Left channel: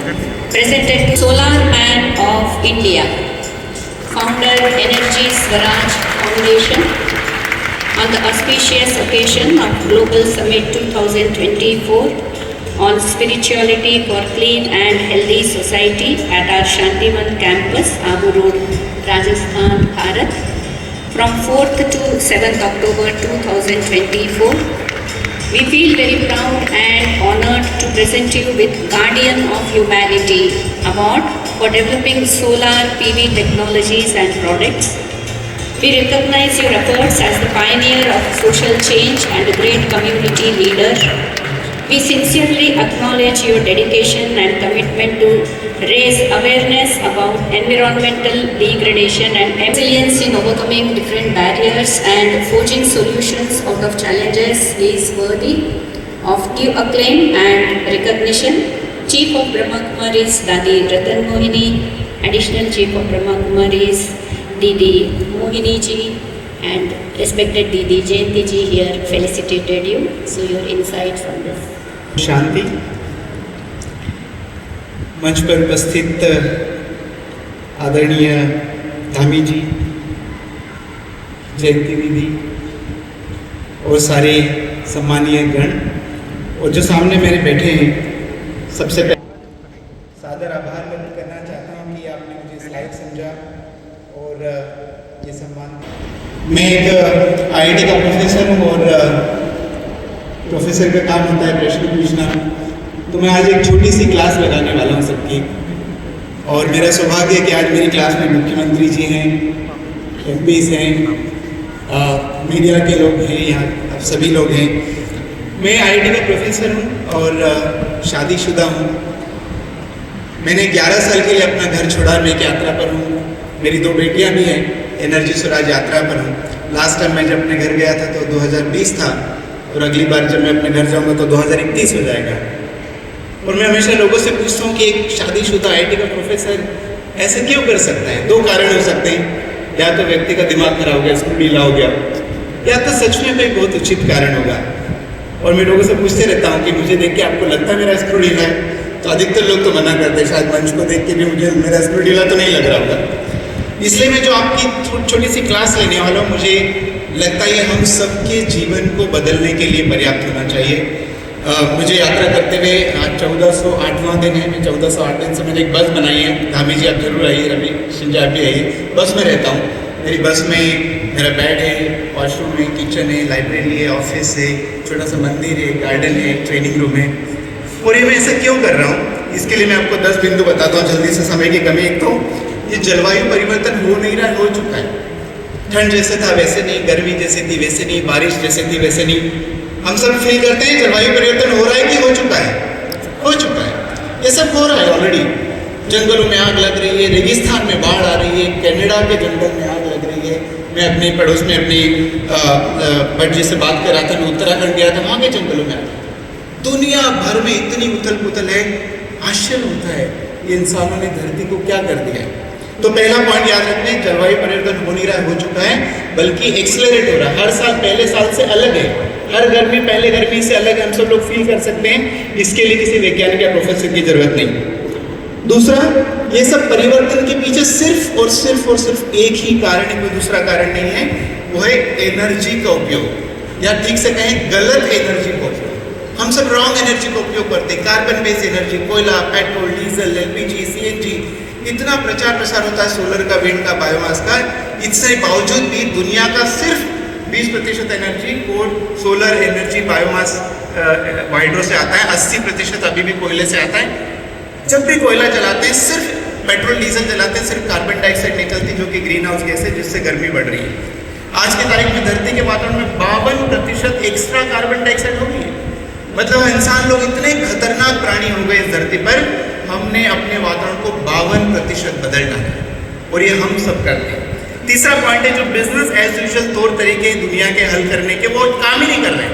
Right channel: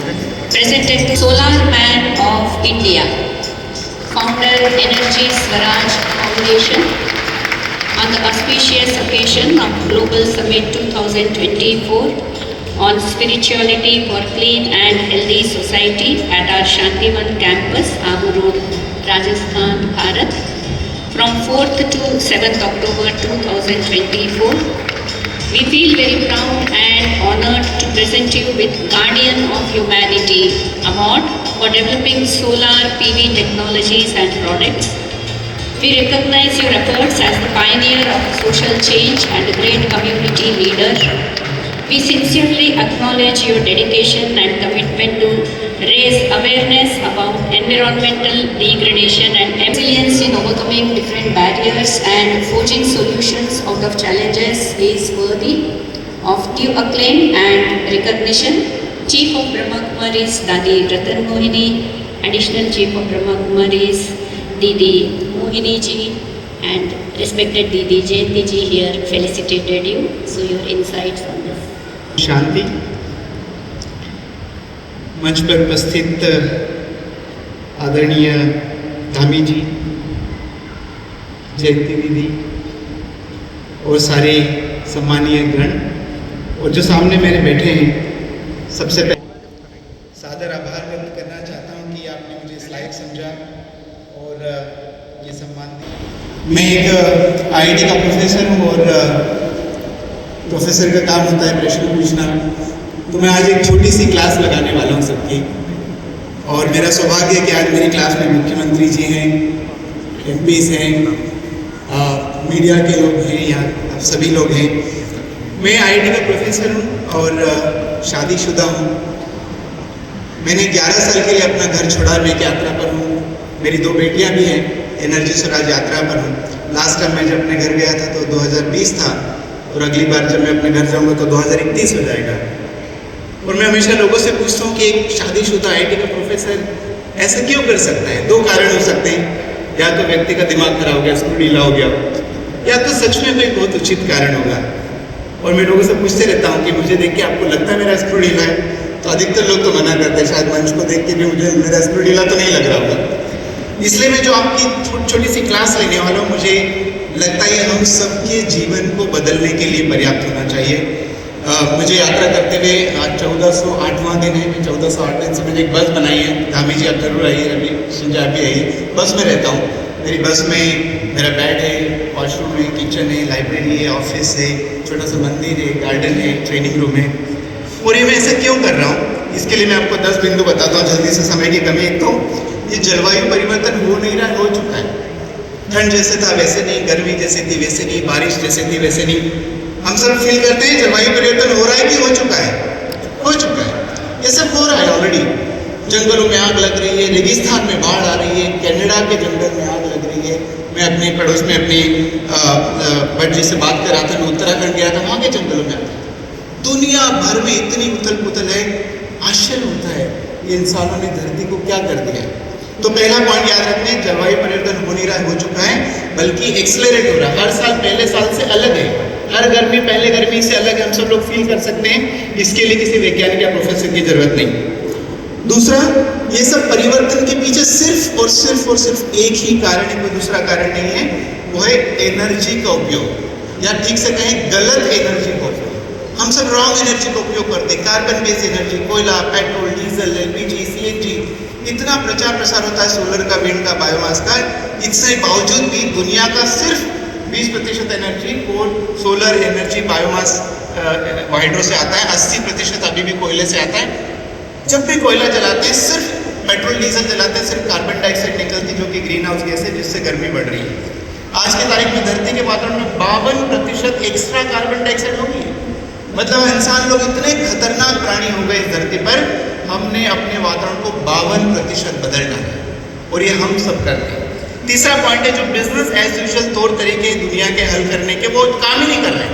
presented to Solar Man of India, founder Energy Swaraj Foundation, on the auspicious occasion of Global Summit 2024 on spirituality for clean and healthy society at our Shantivan campus, Abu Road, Rajasthan, Bharat, from 4th to 7th October 2024. We feel very proud and honored to present you with Guardian of Humanity Award for developing solar PV technologies and products. We recognize your efforts as the pioneer of social change and a great community leader. We sincerely acknowledge your dedication and commitment to raise awareness about environmental degradation and resilience in overcoming different barriers and forging solutions out of challenges is worthy of due acclaim and recognition. Chief of Brahma Kumaris Dadi Ratan Mohini, Additional Chief of Brahma Kumaris Didi Mohini ji, and respected Didi Jayanti ji here felicitated you. So your insights on this. शांति मंच पर उपस्थित आदरणीय धामी जी, जयंती दीदी और सारे सम्मानीय गण और जो सामने मेरे बैठे हैं, सबसे पहले सादर आभार व्यक्त करना चाहता हूं कि आपने मुझे इस लायक समझा और ये सम्मान दिया। मैं एक आईआईटी का प्रोफेसर हूं और प्रोफेसर का काम होता है प्रश्न पूछना, तो मैं आज एक छोटी सी क्लास लगाने वाला हूँ सबकी। और मेरा सौभाग्य है कि आज मेरी क्लास में मुख्यमंत्री जी हैं, एमपीस हैं, मीडिया के लोग हैं, यहाँ आप सभी लोग हैं। मैं आईआईटी का प्रोफेसर हूँ और शादीशुदा हूँ। मैंने 11 साल के लिए अपना घर छोड़ा, मैं एक यात्रा पर हूँ। मेरी 2 बेटियाँ भी हैं, एनर्जी स्वराज यात्रा पर हूँ। लास्ट टाइम मैं जब अपने घर गया था तो 2020 था और अगली बार जब मैं अपने घर जाऊंगा तो 2021 हो जाएगा। और मैं हमेशा लोगों से पूछता हूँ कि एक शादीशुदा आईआईटी का प्रोफेसर ऐसे क्यों कर सकता है। 2 कारण हो सकते हैं, या तो व्यक्ति का दिमाग खराब हो गया, स्क्रू ढीला हो गया, या तो सच में कोई बहुत उचित कारण होगा। और मैं लोगों से पूछते रहता हूँ कि मुझे देख के आपको लगता है मेरा स्क्रू ढीला है, तो अधिकतर लोग तो मना करते हैं, शायद मंच को देख के भी मुझे मेरा स्क्रू ढीला तो नहीं लग रहा होगा। इसलिए मैं जो आपकी छोटी सी क्लास लेने वाला हूँ, मुझे लगता है हम सबके जीवन को बदलने के लिए पर्याप्त होना चाहिए। मुझे यात्रा करते हुए आज 1408वां दिन है। 1408 दिन से मैंने एक बस बनाई है। धामी जी आप जरूर आइए, अभी संजय भी आइए। बस में रहता हूँ, मेरी बस में मेरा बेड है, वॉशरूम है, किचन है, लाइब्रेरी है, ऑफिस है, छोटा सा मंदिर है, गार्डन है, ट्रेनिंग रूम है। और ये मैं ऐसा क्यों कर रहा हूँ, इसके लिए मैं आपको 10 बिंदु बताता हूँ जल्दी से, समय की कमी। एक तो ये जलवायु परिवर्तन हो नहीं रहा, हो चुका है। ठंड जैसे था वैसे नहीं, गर्मी जैसे थी वैसे नहीं, बारिश जैसे थी वैसे नहीं। हम सब फील करते हैं जलवायु परिवर्तन हो रहा है कि हो चुका है? हो चुका है। ये सब हो रहा है ऑलरेडी। जंगलों में आग लग रही है, रेगिस्तान में बाढ़ आ रही है, कनाडा के जंगल में आग लग रही है। मैं अपने पड़ोस में अपनी बच्चे से बात कर रहा था, मैं उत्तराखंड गया था, वहाँ के जंगलों में दुनिया भर में इतनी उथल पुथल है, आश्चर्य होता है ये इंसानों ने धरती को क्या कर दिया। तो पहला पॉइंट याद रखना है, जलवायु परिवर्तन हो नहीं रहा, हो चुका है, बल्कि एक्सेलरेट हो रहा है। हर साल पहले साल से अलग है, हर गर्मी पहले गर्मी से अलग हम सब लोग फील कर सकते हैं। इसके लिए किसी वैज्ञानिक या प्रोफेसर की जरूरत नहीं। दूसरा, ये सब परिवर्तन के पीछे सिर्फ और सिर्फ एक ही कारण है, कोई दूसरा कारण नहीं है, वो है एनर्जी का उपयोग, या ठीक से कहें गलत एनर्जी का उपयोग। हम सब रॉन्ग एनर्जी का उपयोग करते हैं। कार्बन बेस्ड एनर्जी, कोयला, पेट्रोल, डीजल, एलपीजी, सीएनजी, इतना प्रचार प्रसार होता है सोलर का, विंड का, बायोमास का। इसके बावजूद भी दुनिया का सिर्फ 20% energy solar energy, biomass, hydro से आता है। 80% अभी भी कोयले से आता है। जब भी कोयला जलाते हैं, सिर्फ पेट्रोल डीजल जलाते हैं, सिर्फ कार्बन डाइऑक्साइड निकलती है जो कि ग्रीन हाउस गैस है, जिससे गर्मी बढ़ रही है। आज की तारीख में धरती के वातावरण में 52% एक्स्ट्रा कार्बन डाइऑक्साइड होगी। मतलब इंसान लोग इतने खतरनाक प्राणी हो गए इस धरती पर, हमने अपने वातावरण को 52% बदलना है, और ये हम सब कर रहे हैं। तीसरा पॉइंट है, जो बिजनेस एज यूजुअल तौर तरीके दुनिया के हल करने के, वो काम ही नहीं कर रहे।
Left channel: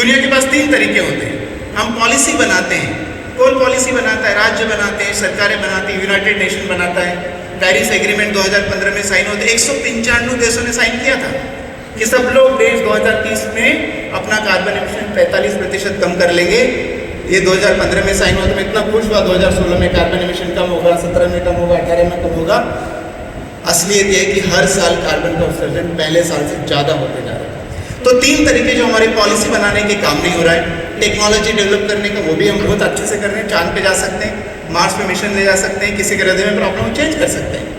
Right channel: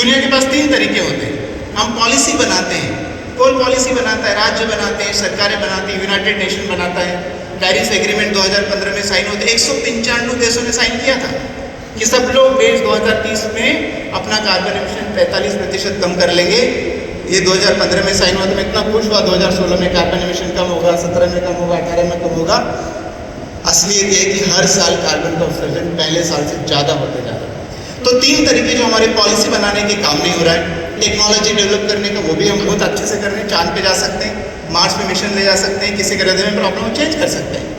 दुनिया के पास 3 तरीके होते हैं। हम पॉलिसी बनाते हैं, कौन पॉलिसी बनाता है? राज्य बनाते हैं, सरकारें बनाती हैं, यूनाइटेड नेशन बनाता है। पेरिस एग्रीमेंट 2015 में साइन होते, 195 देशों ने साइन किया था कि सब लोग देश 2030 में अपना कार्बन एमिशन 45% कम कर लेंगे। ये 2015 में साइन हुआ तो मैं इतना खुश हुआ, 2016 में कार्बन एमिशन कम होगा, 17 में कम होगा, 18 में कम होगा। असलियत ये है कि हर साल कार्बन का उत्सर्जन पहले साल से ज़्यादा होते जा रहा है। तो 3 तरीके जो हमारी पॉलिसी बनाने के काम नहीं हो रहा है, टेक्नोलॉजी डेवलप करने का वो भी हम बहुत अच्छे से कर रहे हैं, चांद पे जा सकते हैं, मार्स पे मिशन ले जा सकते हैं, किसी के हृदय में प्रॉब्लम चेंज कर सकते हैं।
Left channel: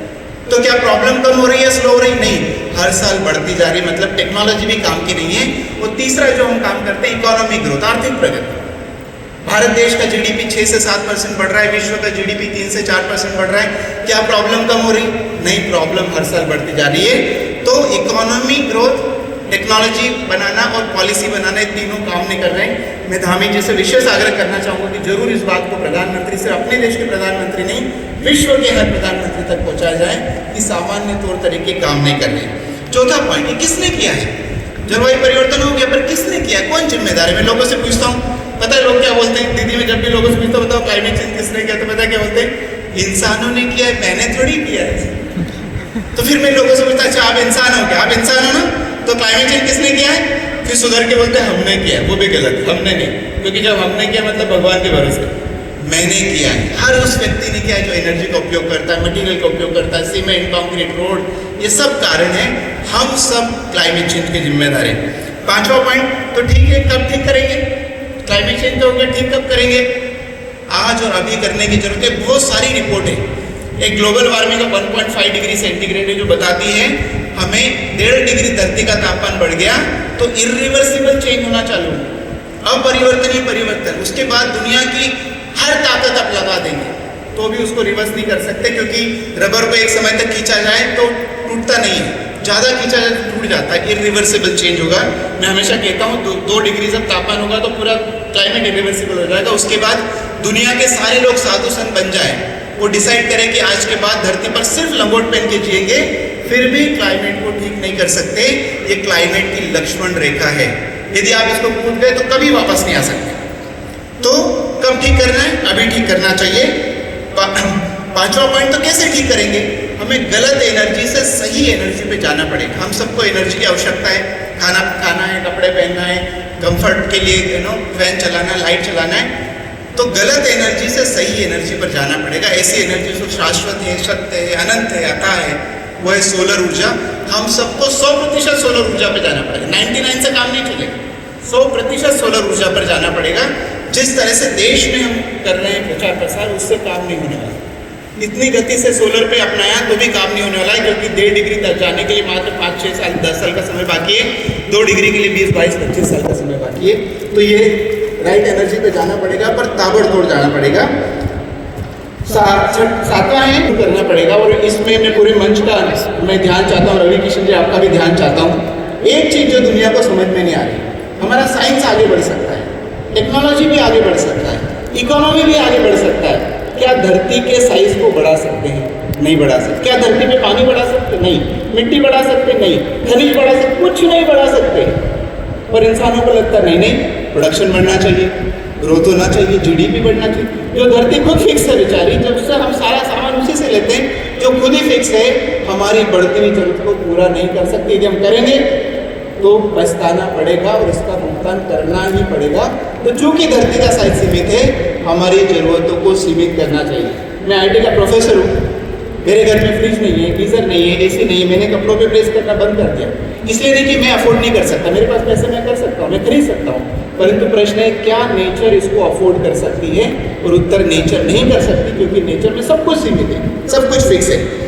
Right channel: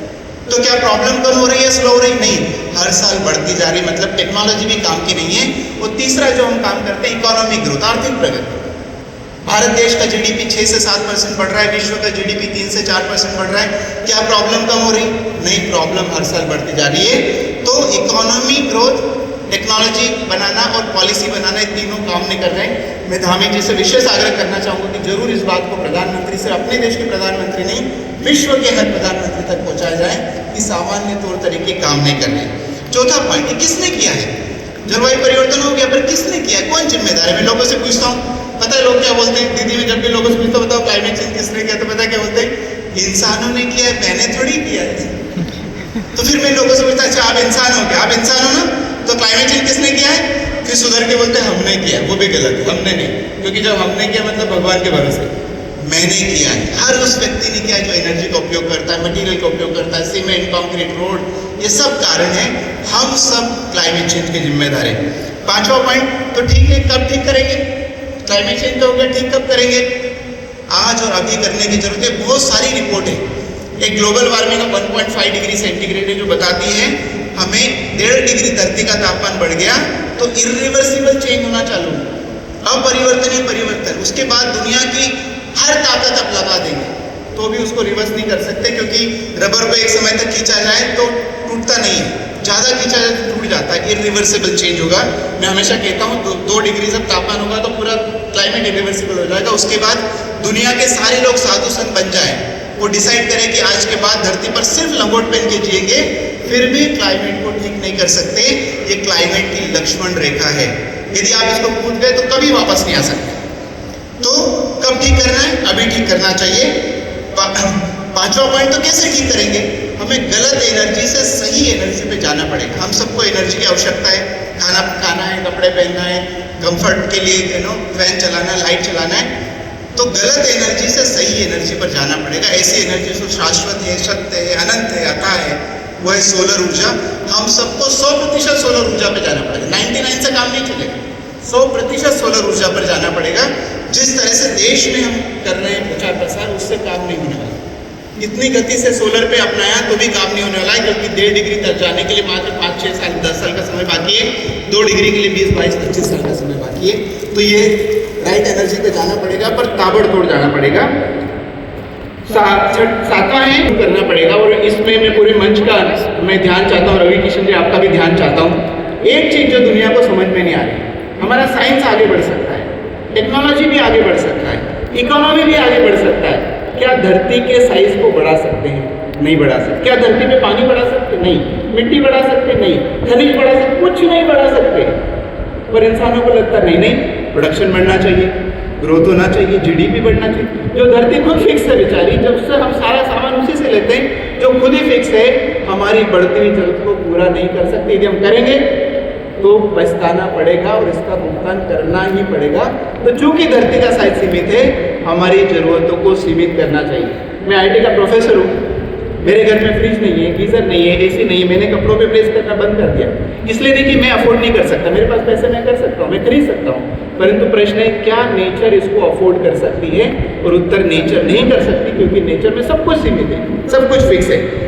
तो क्या प्रॉब्लम कम हो रही है, स्लो हो रही? नहीं, हर साल बढ़ती जा रही है। मतलब टेक्नोलॉजी भी काम की नहीं है। वो तीसरा जो हम काम करते हैं, इकोनॉमिक ग्रोथ, आर्थिक प्रगति। भारत देश का जीडीपी 6 से 7% बढ़ रहा है, विश्व का जीडीपी 3 से 4% बढ़ रहा है। क्या प्रॉब्लम कम हो रही? नहीं, प्रॉब्लम हर साल बढ़ती जा रही है। तो इकोनॉमिक ग्रोथ, टेक्नोलॉजी बनाना और पॉलिसी बनाना, ये तीनों काम नहीं कर रहे हैं। मैं धार्मिक जी से विशेष आग्रह करना चाहूँगा कि जरूर इस बात को प्रधानमंत्री से, अपने देश के प्रधानमंत्री नहीं, विश्व के हर प्रधानमंत्री तक पहुँचाया जाए कि सामान्य तौर तरीके काम नहीं कर रहे। चौथा पॉइंट, किसने किया है? जलवायु परिवर्तन हो गया, पर किसने किया? कौन जिम्मेदार है? मैं लोगों से पूछता हूँ, पता है लोग क्या बोलते हैं? दीदी, में जब भी लोगों से पूछता बताओ क्लाइमेट चेंज किसने किया, तो पता क्या बोलते हैं? इंसानों ने किया, मैंने थोड़ी किया है। तो फिर मैं लोगों से पूछता, अच्छा आप इंसान हो क्या? आप इंसान हो ना, तो क्लाइमेट चेंज किसने किया है? फिर सुधर के बोलते हैं हमने किया। वो भी गलत है, हमने नहीं, क्योंकि जब हमने किया मतलब भगवान के भरोसे, मैंने किया है। हर उस व्यक्ति ने किया जो एनर्जी का उपयोग करता है, मटेरियल का उपयोग करता है, सीमेंट, कंक्रीट, रोड, ये सब कारण है। हम सब क्लाइमेट चेंज के जिम्मेदार हैं। 5वां पॉइंट, तो ठीक है, कब ठीक करेंगे? क्लाइमेट चेंज हो गया, ठीक कब करेंगे? आज और अभी करने की जरूरत है। बहुत सारी रिपोर्ट है, एक global warming of 1.5 degree centigrade जो बताती है हमें 1.5 डिग्री धरती का तापमान बढ़ गया तो इरिवर्सिबल चेंज होना चालू, अपरिवर्तनीय परिवर्तन। उसके बाद दुनिया की हर ताकत आप लगा देंगे तो भी उसको रिवर्स नहीं कर सकते, क्योंकि रबर को एक समय तक खींचा जाए तो टूटता नहीं है, ज़्यादा खींचा जाए तो टूट जाता है। इरिवर्सिबल चेंज होगा। मैं हमेशा कहता हूँ 2 डिग्री जब तापमान होगा तो पूरा क्लाइमेट इरिवर्सिबल हो जाएगा। उसके बाद दुनिया के सारे लोग साधु संत बन जाए, वो डिसाइड करें कि आज के बाद धरती पर सिर्फ लंगोट पहन के जिएंगे, फिर भी क्लाइमेट को ठीक नहीं कर सकते। ये क्लाइमेट की लक्ष्मण रेखा है। यदि आप इसको कूद गए तो कभी वापस नहीं आ सकते। तो कब ठीक करना है? अभी ठीक करना चाहिए। 5वां पॉइंट, तो कैसे ठीक करेंगे? हमें गलत एनर्जी से सही एनर्जी पे जाना पड़ेगा। हम सबको एनर्जी की आवश्यकता है, खाना है, कपड़े पहनना है, कंफर्ट के लिए फैन चलाना है, लाइट चलाना है। तो गलत एनर्जी से सही एनर्जी पर जाना पड़ेगा। ऐसी एनर्जी जो शाश्वत है, सत्य है, अनंत है, अथा है, वो है सोलर ऊर्जा। हम सबको 100% सोलर ऊर्जा पर जाना पड़ेगा। 99 से काम नहीं चलेगा, 100% सोलर ऊर्जा पर जाना पड़ेगा। जिस तरह से देश में हम कर रहे हैं प्रचार प्रसार, उससे काम नहीं होने वाला। इतनी गति से सोलर पे अपनाया तो भी काम नहीं होने वाला है, क्योंकि 1.5 डिग्री तक जाने के लिए मात्र 5-6 साल, 10 साल का समय बाकी है। 2 डिग्री के लिए 20-22-25 साल का समय बाकी है। तो ये राइट एनर्जी पे जाना पड़ेगा, पर ताबड़तोड़ जाना पड़ेगा। 7वां है, करना पड़ेगा। और इसमें मैं पूरे मंच का मैं ध्यान चाहता हूँ, रवि किशन जी आपका भी ध्यान चाहता हूँ। एक चीज़ जो दुनिया को समझ में नहीं आ रही, हमारा साइंस आगे बढ़ सकता है, टेक्नोलॉजी भी आगे बढ़ सकता है, इकोनॉमी भी आगे बढ़ सकता है। क्या धरती के साइज को बढ़ा सकते हैं? नहीं बढ़ा सकते। क्या धरती पे पानी बढ़ा सकते? नहीं। मिट्टी बढ़ा सकते? नहीं। खनिज बढ़ा सकते? कुछ नहीं बढ़ा सकते। पर इंसानों को लगता नहीं, प्रोडक्शन बढ़ना चाहिए, ग्रोथ होना चाहिए, जीडीपी बढ़ना चाहिए। जो धरती खुद फिक्स है बेचारी, जब से हम सारा सामान उसी से लेते हैं, जो खुद ही फिक्स है, हमारी बढ़ती हुई जरूरत को पूरा नहीं कर सकती। यदि हम करेंगे तो पछताना पड़ेगा और इसका भुगतान करना ही पड़ेगा। तो चूंकि धरती का साइज सीमित है, हमारी ज़रूरतों को सीमित करना चाहिए। मैं आईटी का प्रोफेसर हूँ, मेरे घर में फ्रिज नहीं है, गीज़र नहीं है, एसी नहीं है। मैंने कपड़ों पे प्रेस करना बंद कर दिया, इसलिए नहीं कि मैं अफोर्ड नहीं कर सकता, मेरे पास पैसे मैं कर सकता हूँ, मैं खरीद सकता हूँ। परंतु प्रश्न है, क्या नेचर इसको अफोर्ड कर सकती है? और उत्तर, नेचर नहीं कर सकती, क्योंकि नेचर में सब कुछ सीमित है, सब कुछ फिक्स है।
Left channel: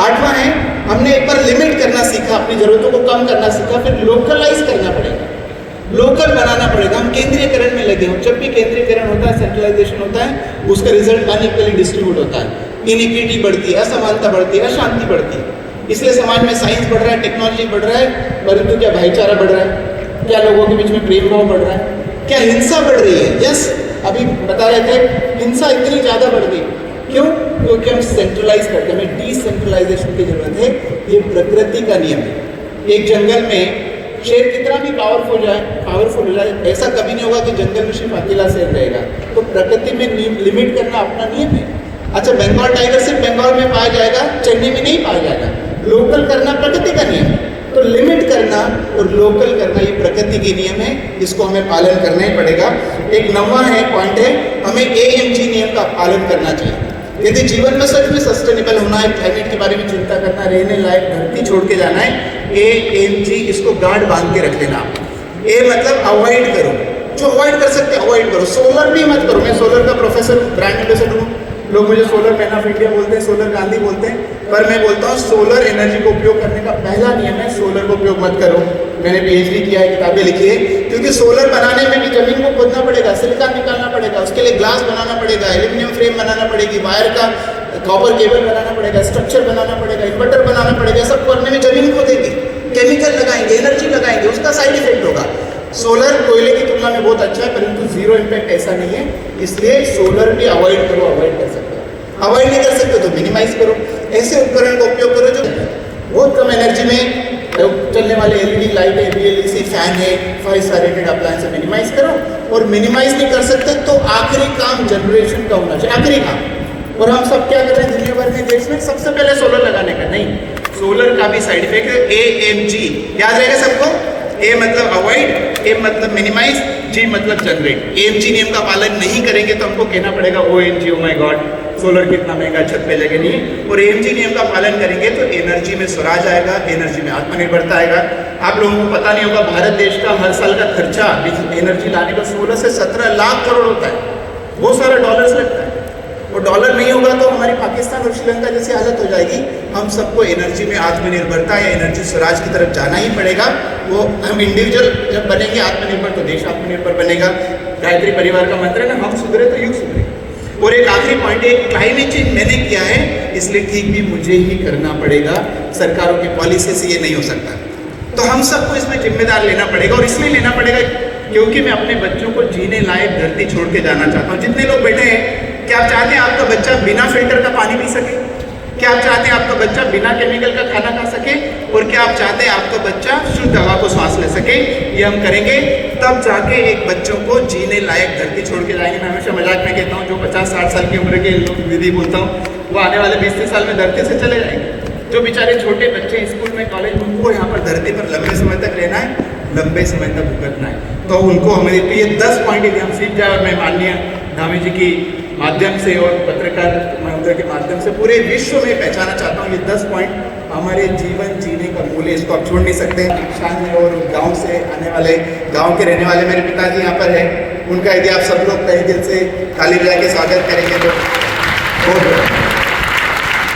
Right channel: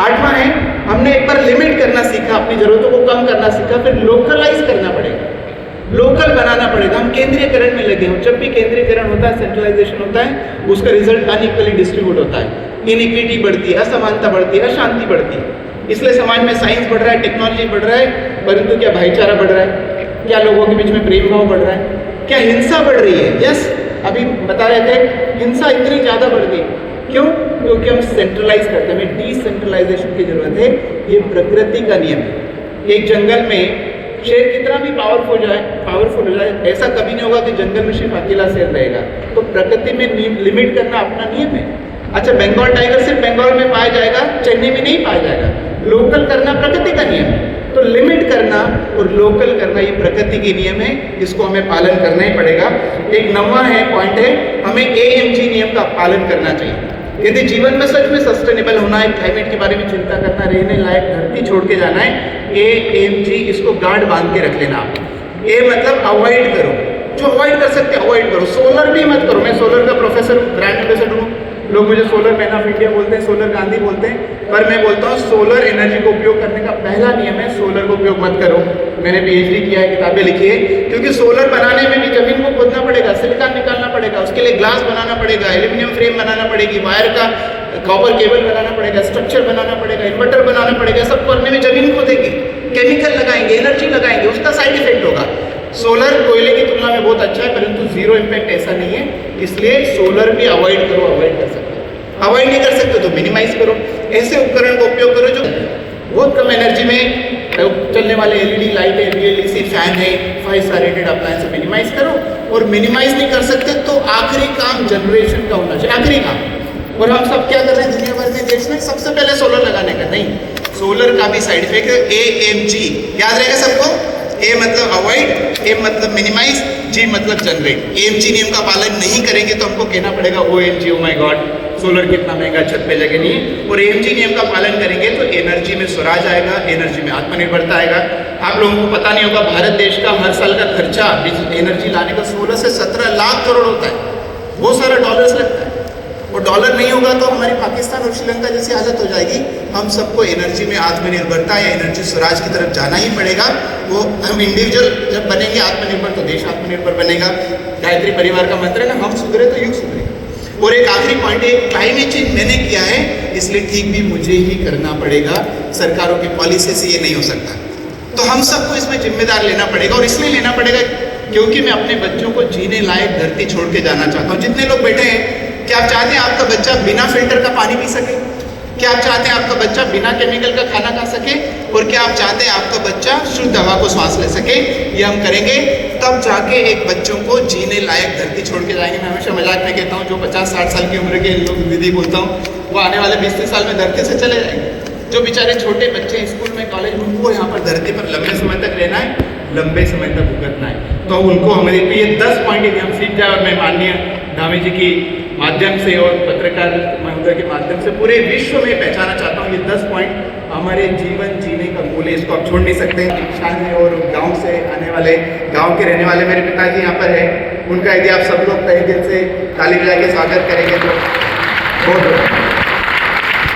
8वां है, हमने एक बार लिमिट करना सीखा, अपनी ज़रूरतों को कम करना सीखा, फिर लोकलाइज करना पड़ेगा, लोकल बनाना पड़ेगा। हम केंद्रीयकरण में लगे हो, जब भी केंद्रीयकरण होता है, सेंट्रलाइजेशन होता है, उसका रिजल्ट अनइक्वली डिस्ट्रीब्यूट होता है, इनइक्विटी बढ़ती है, असमानता बढ़ती है, अशांति बढ़ती है। इसलिए समाज में साइंस बढ़ रहा है, टेक्नोलॉजी बढ़ रहा है, परंतु क्या भाईचारा बढ़ रहा है? क्या लोगों के बीच में प्रेम भाव बढ़ रहा है? क्या हिंसा बढ़ रही है? यस, अभी बता रहे थे, हिंसा इतनी ज़्यादा बढ़ गई। क्यों? क्योंकि हम सेंट्रलाइज करते हैं, हमें डिसेंट्रलाइजेशन की जरूरत है। ये प्रकृति का नियम है। एक जंगल में शेर कितना भी पावरफुल हो जाए, ऐसा कभी नहीं होगा कि जंगल में सिर्फ अकेला शेर रहेगा। तो प्रकृति में लिमिट करना अपना नियम है। अच्छा, बंगाल टाइगर सिर्फ बंगाल में पाया जाएगा, चेन्नई में नहीं पाया जाएगा। लोकल करना प्रकृति का नियम है। तो तो लिमिट करना और लोकल करना ये प्रकृति के नियम है, इसको हमें पालन करना ही पड़ेगा। एक 9वां पॉइंट है, हमें AMG नियम का पालन करना चाहिए। यदि जीवन में सच में सस्टेनेबल होना है, प्लैनेट के बारे में चिंता करना, रहने लायक धरती छोड़ के जाना है, AMG इसको गार्ड बांध के रख लेना। A मतलब अवॉइड करो, जो अवॉइड कर सकते अवॉइड करो। सोलर भी मत करो। मैं सोलर का प्रोफेसर हूँ, ब्रांड एम्बेसडर हूँ। लोग मुझे सोलर मैन ऑफ इंडिया बोलते हैं, सोलर गांधी बोलते हैं, पर मैं बोलता हूँ सोलर एनर्जी को उपयोग करने का पहला नियम है सोलर को उपयोग मत करो। मैंने PhD किया है, किताबें लिखी है, क्योंकि सोलर बनाने में भी जमीन को खोदना पड़ेगा, सिलिकॉन निकालना पड़ेगा, उसके लिए ग्लास बनाना पड़ेगा, एल्यूमिनियम फ्रेम बनाना पड़ेगी, वायर का कॉपर केबल बनाना पड़ेगा, स्ट्रक्चर बनाना पड़ेगा, इन्वर्टर बनाना पड़ेगा। सब करने में जमीन खोदेंगे, केमिकल लगाएंगे, एनर्जी लगाएंगे, उसका साइड इफेक्ट होगा। सोलर कोयले की तुलना में बहुत अच्छा है, परंतु जीरो इम्पैक्ट ऐसा नहीं है, इसलिए सोलर भी अवॉइड करो। अवॉइड कर सकते हो, अवॉइड नहीं कर सकते तो मिनिमाइज करो। ऐसे उपकरण का उपयोग करो जो बहुत कम एनर्जी में चलने वाले LED लाइट है, BLDC फैन है, 5 स्टार रेटेड अप्लायंस से मिनिमाइज करो। और मिनिमाइज नहीं कर सकते तो आखिरी काम जनरेशन का होना चाहिए, आखिरी काम। और हम सब क्या कर रहे हैं दुनिया भर के देश में, सबसे पहले सोलर लगाने का नहीं, सोलर का भी साइड इफेक्ट है AMG, याद रहेगा सबको। A मतलब अवॉइड, M मतलब मिनिमाइज, G मतलब जनरेट। AMG नियम का पालन नहीं करेंगे तो हमको कहना पड़ेगा OMG, oh my God, solar कितना महंगा, छत पे जगह नहीं। और AMG नियम का पालन करेंगे तो एनर्जी में स्वराज आएगा, एनर्जी में आत्मनिर्भरता आएगा। आप लोगों को पता नहीं होगा, भारत देश का हर साल का खर्चा एनर्जी लाने का 16 से 17 लाख करोड़ होता है, बहुत सारा डॉलर्स लगता है। और डॉलर नहीं होगा तो हमारी पाकिस्तान और श्रीलंका जैसी हालत हो जाएगी। हम सबको एनर्जी में आत्मनिर्भरता या एनर्जी स्वराज की तरफ जाना ही पड़ेगा। वो हम इंडिविजुअल जब बनेंगे आत्मनिर्भर तो देश आत्मनिर्भर बनेगा। गायत्री परिवार का मंत्र है ना, हम सुधरे तो युग सुधरे। और एक आखिरी पॉइंट है, क्लाइमेट चेंज मैंने किया है इसलिए ठीक भी मुझे ही करना पड़ेगा, सरकारों की पॉलिसी से ये नहीं हो सकता। तो हम सबको इसमें जिम्मेदार लेना पड़ेगा। और इसलिए लेना पड़ेगा क्योंकि मैं अपने बच्चों को जीने लायक धरती छोड़ के जाना चाहता हूँ। जितने लोग बैठे हैं, क्या आप चाहते हैं आपका बच्चा बिना फिल्टर का पानी पी सके? क्या आप चाहते हैं आपका बच्चा बिना केमिकल का खाना खा सके? और क्या आप चाहते हैं आपका बच्चा शुद्ध हवा को सांस ले सके? ये हम करेंगे तब जाके एक बच्चों को जीने लायक धरती छोड़ के जाएंगे। मैं हमेशा मजाक में कहता हूँ, जो 50-60 साल की उम्र के लोग दीदी बोलता हूँ, वो आने वाले 20-30 साल में धरती से चले जाएंगे। जो बेचारे छोटे बच्चे स्कूल में, कॉलेज में, उनको यहाँ पर धरती पर लंबे समय तक रहना है, लंबे समय तक भुगतना है। तो उनको हमारे ये 10 पॉइंट यदि हम सीख जाए, और मैं माननीय धामी जी की माध्यम से और पत्रकार महोदय के माध्यम से पूरे विश्व में पहचाना चाहता हूँ, ये 10 पॉइंट हमारे जीवन जीने का मूल है, इसको आप छोड़ नहीं सकते। शान में और गांव से आने वाले, गांव के रहने वाले मेरे पिताजी यहाँ पर है, उनका यदि आप सब लोग तहे दिल से ताली बजा के स्वागत करेंगे तो बहुत